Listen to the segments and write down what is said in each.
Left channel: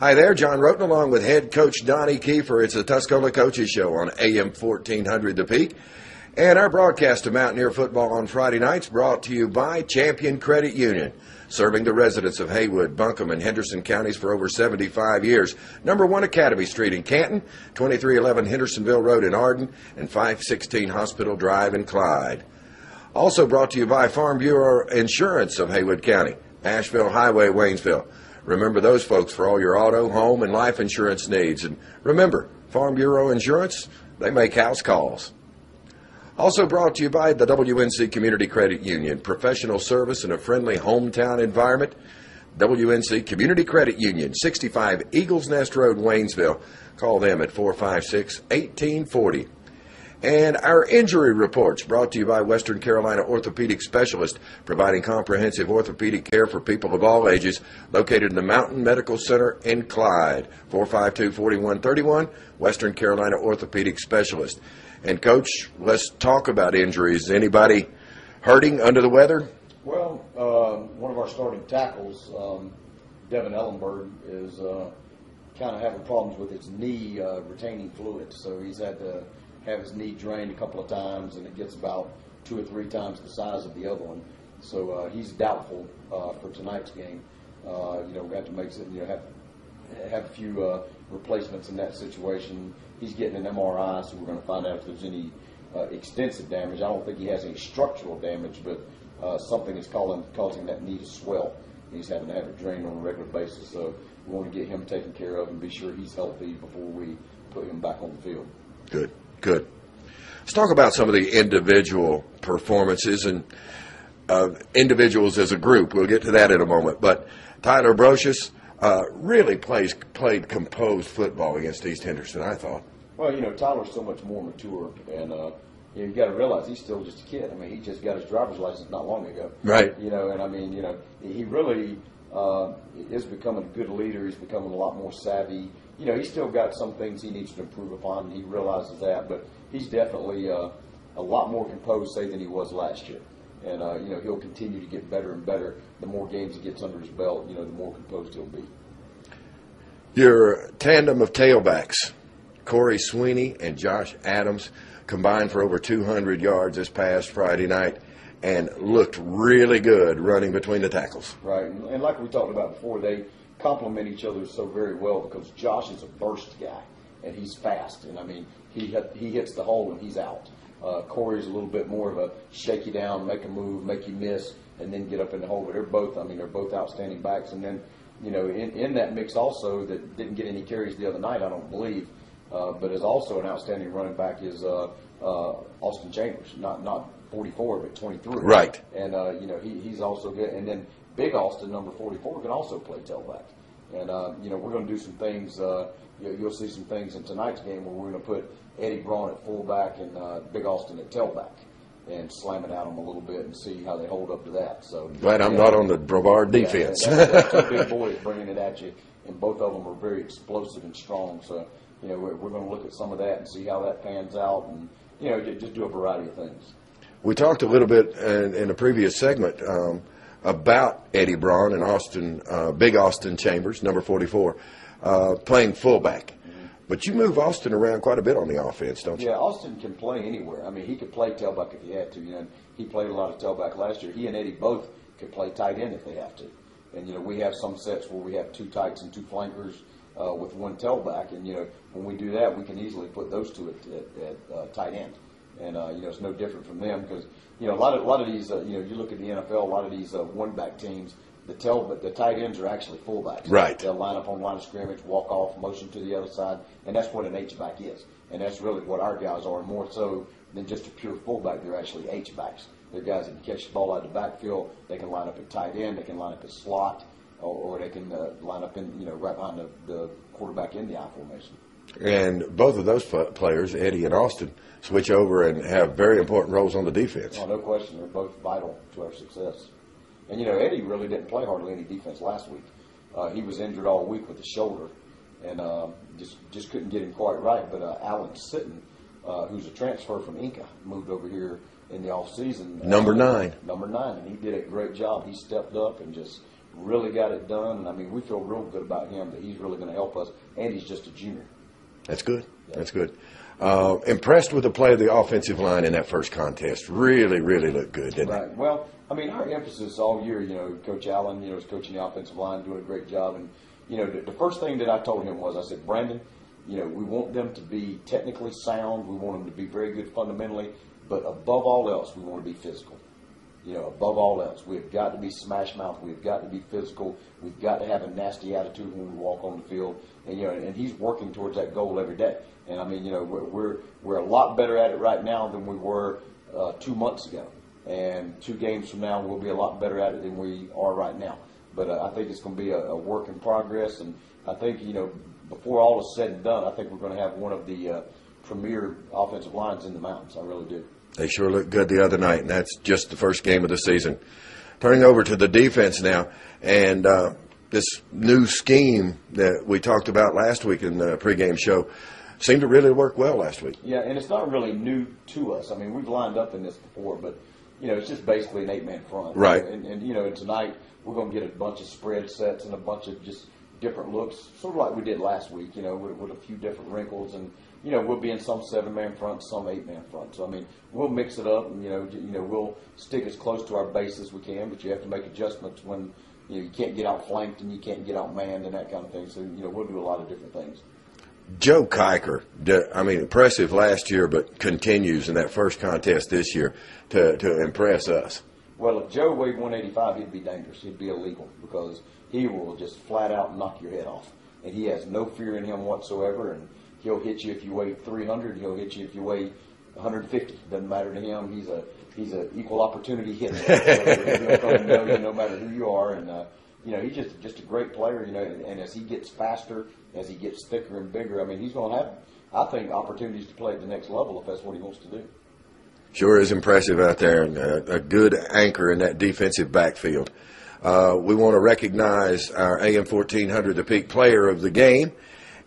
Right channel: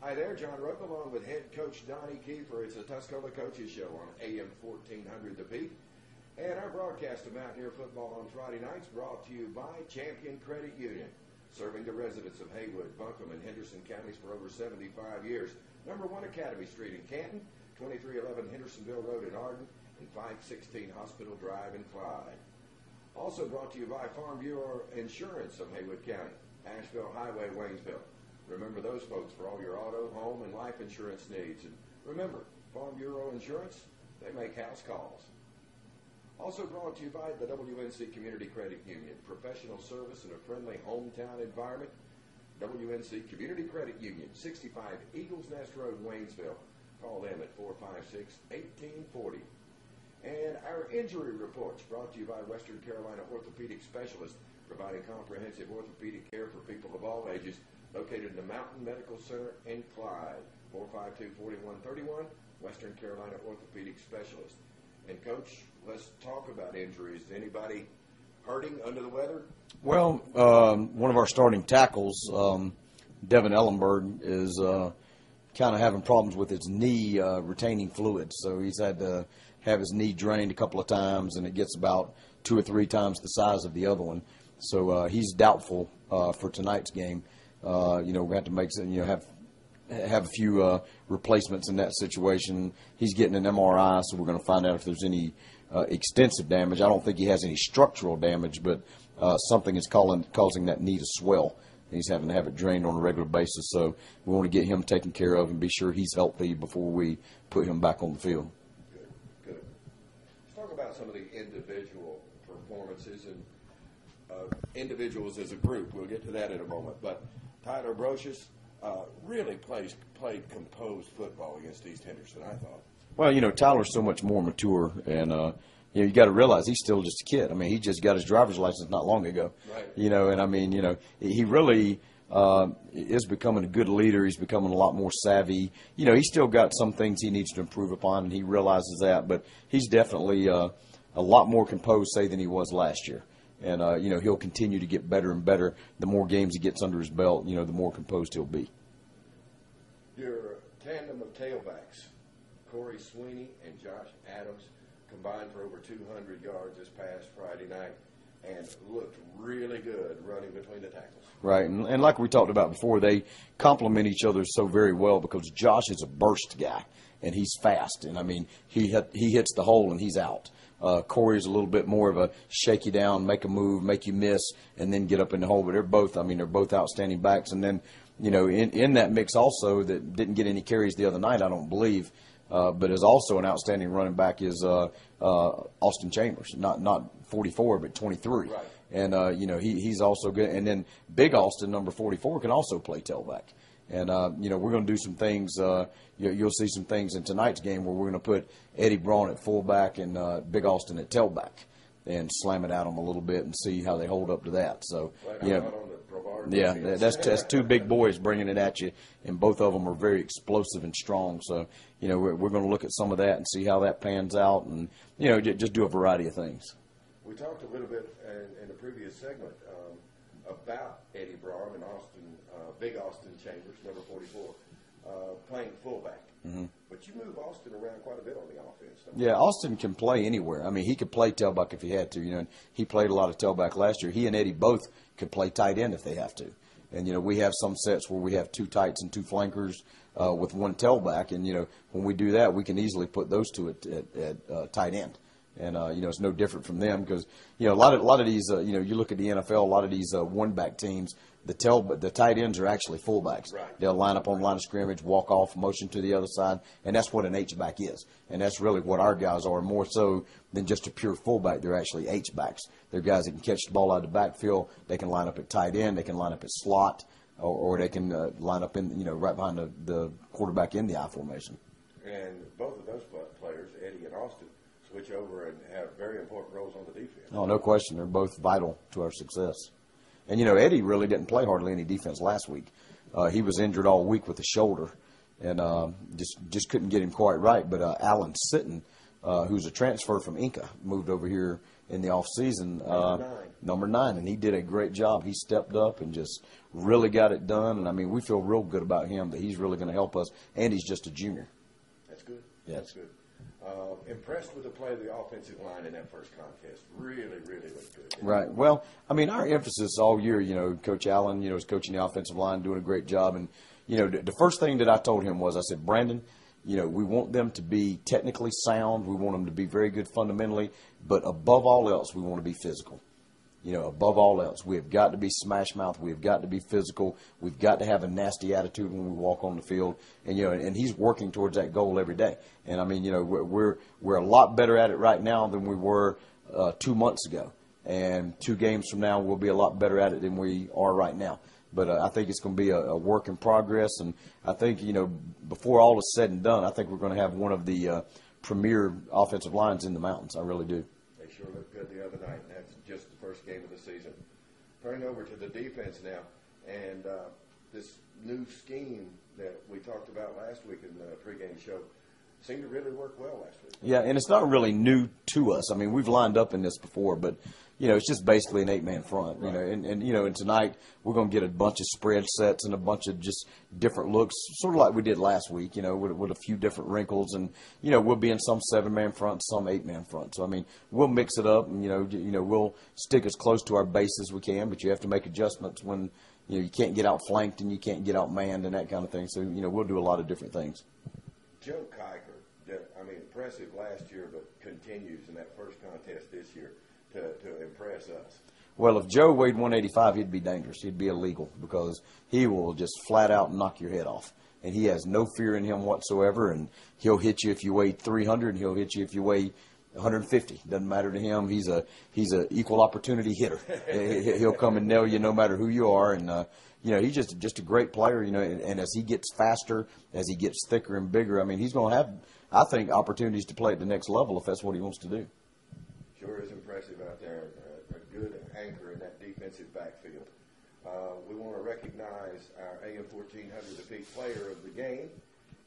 Hi there, John Roten along with head coach Donnie Kiefer. It's the Tuscola Coaches Show on AM 1400 The Peak. And our broadcast of Mountaineer football on Friday nights brought to you by Champion Credit Union, serving the residents of Haywood, Buncombe, and Henderson counties for over 75 years. Number 1 Academy Street in Canton, 2311 Hendersonville Road in Arden, and 516 Hospital Drive in Clyde. Also brought to you by Farm Bureau Insurance of Haywood County, Asheville Highway, Waynesville. Remember those folks for all your auto, home, and life insurance needs. And remember, Farm Bureau Insurance, they make house calls. Also brought to you by the WNC Community Credit Union, professional service in a friendly hometown environment. WNC Community Credit Union, 65 Eagles Nest Road, Waynesville. Call them at 456-1840. And our injury reports brought to you by Western Carolina Orthopedic Specialist, providing comprehensive orthopedic care for people of all ages, located in the Mountain Medical Center in Clyde, 452-4131, Western Carolina Orthopedic Specialist. And, Coach, let's talk about injuries. Anybody hurting under the weather? Well, one of our starting tackles, Devin Ellenberg, is kind of having problems with his knee retaining fluid. So he's had to have his knee drained a couple of times, and it gets about 2 or 3 times the size of the other one. So he's doubtful for tonight's game. We have to make some, have a few replacements in that situation. He's getting an MRI, so we're going to find out if there's any extensive damage. I don't think he has any structural damage, but something is causing that knee to swell. He's having to have it drained on a regular basis. So we want to get him taken care of and be sure he's healthy before we put him back on the field. Good. Good. Let's talk about some of the individual performances and individuals as a group. We'll get to that in a moment. But Tyler Brocious really played composed football against East Henderson, I thought. Well, Tyler's so much more mature, and you got to realize he's still just a kid. I mean, he just got his driver's license not long ago. Right. And I mean, he really is becoming a good leader. He's becoming a lot more savvy. He's still got some things he needs to improve upon, and he realizes that. But he's definitely a lot more composed, say, than he was last year. And, he'll continue to get better and better. The more games he gets under his belt, the more composed he'll be. Your tandem of tailbacks, Corey Sweeney and Josh Adams, combined for over 200 yards this past Friday night, and looked really good running between the tackles. Right, and like we talked about before, they complement each other so very well because Josh is a burst guy, and he's fast. And, I mean, he hits the hole and he's out. Corey's a little bit more of a shake you down, make a move, make you miss, and then get up in the hole. But they're both outstanding backs. And then, in that mix also that didn't get any carries the other night, I don't believe, but is also an outstanding running back is Austin Chambers, not 44, but 23. Right. And, he's also good. And then Big Austin, number 44, can also play tailback. And, we're going to do some things. You'll see some things in tonight's game where we're going to put Eddie Braun at fullback and Big Austin at tailback and slam it at them a little bit and see how they hold up to that. So glad I'm not on the Brevard defense. Yeah, that's 2 big boys bringing it at you, and both of them are very explosive and strong. So, we're going to look at some of that and see how that pans out and, just do a variety of things. We talked a little bit in a previous segment about Eddie Braun and Big Austin Chambers, number 44, playing fullback. Mm-hmm. But you move Austin around quite a bit on the offense, don't you? Yeah, Austin can play anywhere. I mean, he could play tailback if he had to. He played a lot of tailback last year. He and Eddie both could play tight end if they have to. And, we have some sets where we have 2 tights and 2 flankers with 1 tailback. And, when we do that, we can easily put those 2 at tight end. And, it's no different from them because, a lot of these, you look at the NFL, a lot of these one-back teams, the tight ends are actually fullbacks. Right. They'll line up on the line of scrimmage, walk off, motion to the other side, and that's what an H-back is. And that's really what our guys are, more so than just a pure fullback. They're actually H-backs. They're guys that can catch the ball out of the backfield. They can line up at tight end. They can line up at slot, or they can line up in, right behind the quarterback in the I formation. And both of those players, Eddie and Austin, switch over and have very important roles on the defense. Oh, no question. They're both vital to our success. And, Eddie really didn't play hardly any defense last week. He was injured all week with a shoulder and just couldn't get him quite right. But Alan Sitton, who's a transfer from Inca, moved over here in the offseason. Number 9. Number 9, and he did a great job. He stepped up and just really got it done. And, I mean, we feel real good about him that he's really going to help us, and he's just a junior. That's good. Yeah. That's good. Impressed with the play of the offensive line in that first contest. Really, really looked good, didn't Right. Well, I mean, our emphasis all year, Coach Allen, is coaching the offensive line, doing a great job. And, the first thing that I told him was, I said, Brandon, we want them to be technically sound. We want them to be very good fundamentally. But above all else, we want to be physical. Above all else, we have got to be smash mouth. We have got to be physical. We've got to have a nasty attitude when we walk on the field. And and he's working towards that goal every day. And I mean, we're a lot better at it right now than we were 2 months ago. And 2 games from now, we'll be a lot better at it than we are right now. But I think it's going to be a work in progress. And I think before all is said and done, I think we're going to have one of the premier offensive lines in the mountains. I really do. They sure looked good the other night, and that's just the first game of the season. Turning over to the defense now, and this new scheme that we talked about last week in the pregame show seemed to really work well last week. Yeah, and it's not really new to us. I mean, we've lined up in this before, but, it's just basically an 8-man front. Right. And tonight we're going to get a bunch of spread sets and a bunch of just different looks, sort of like we did last week, with a few different wrinkles. And, we'll be in some 7-man front, some 8-man front. So, I mean, we'll mix it up and, we'll stick as close to our base as we can, but you have to make adjustments when, you can't get outflanked and you can't get outmanned and that kind of thing. So, we'll do a lot of different things. Joe Kiker, impressive last year, but continues in that first contest this year to impress us. Well, if Joe weighed 185, he'd be dangerous. He'd be illegal because he will just flat out knock your head off. And he has no fear in him whatsoever, and he'll hit you if you weigh 300, and he'll hit you if you weigh 150. Doesn't matter to him. He's a equal opportunity hitter. He'll come and nail you no matter who you are. And he's just a great player. And as he gets faster, as he gets thicker and bigger, I mean, he's going to have, I think, opportunities to play at the next level if that's what he wants to do. Sure is impressive out there, and a good anchor in that defensive backfield. We want to recognize our AM 1400 The Peak player of the game,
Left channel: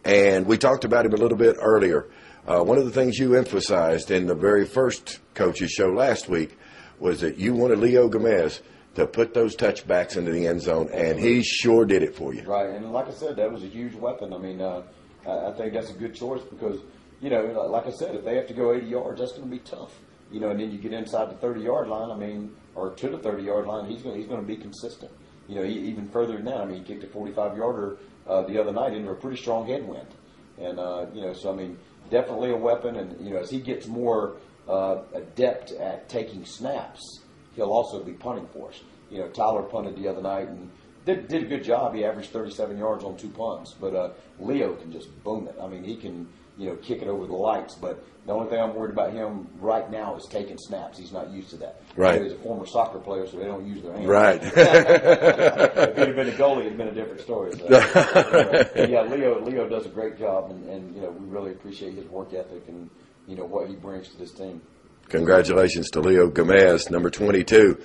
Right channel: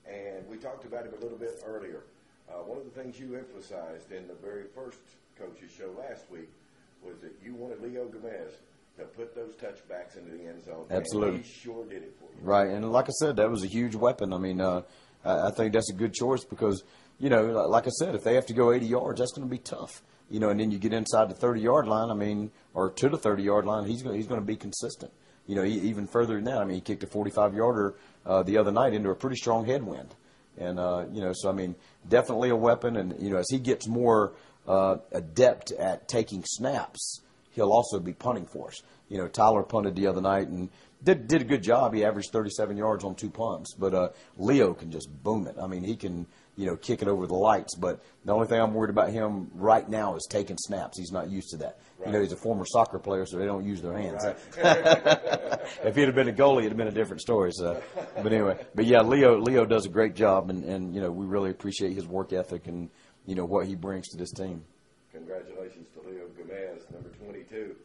and we talked about him a little bit earlier. One of the things you emphasized in the very first coaches show last week was that you wanted Leo Gomez to put those touchbacks into the end zone. Absolutely. And he sure did it for you. Right, and like I said, that was a huge weapon. I mean, I think that's a good choice because, like I said, if they have to go 80 yards, that's going to be tough. And then you get inside the 30-yard line, or to the 30-yard line, he's going to be consistent. Even further than that, he kicked a 45-yarder the other night into a pretty strong headwind. And, so, definitely a weapon. And, as he gets more adept at taking snaps, he'll also be punting for us. Tyler punted the other night and did a good job. He averaged 37 yards on 2 punts. But Leo can just boom it. He can, kick it over the lights. But the only thing I'm worried about him right now is taking snaps. He's not used to that. Right. He's a former soccer player, so they don't use their hands. Right. If he'd have been a goalie, it'd have been a different story. So, but anyway, yeah, Leo does a great job, and we really appreciate his work ethic and what he brings to this team. Congratulations to Leo Gomez, number 22,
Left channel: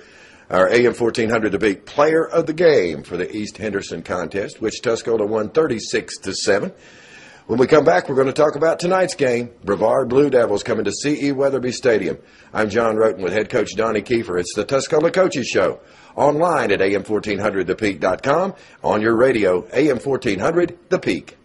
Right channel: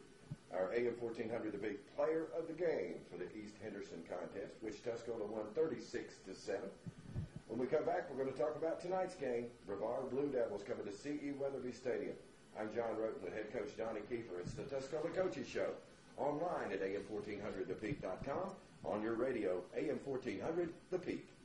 our AM 1400 The Peak player of the game for the East Henderson contest, which Tuscola won 36-7. When we come back, we're going to talk about tonight's game. Brevard Blue Devils coming to C.E. Weatherby Stadium. I'm John Roten with head coach Donnie Kiefer. It's the Tuscola Coaches Show. Online at am1400thepeak.com. On your radio, AM 1400 The Peak.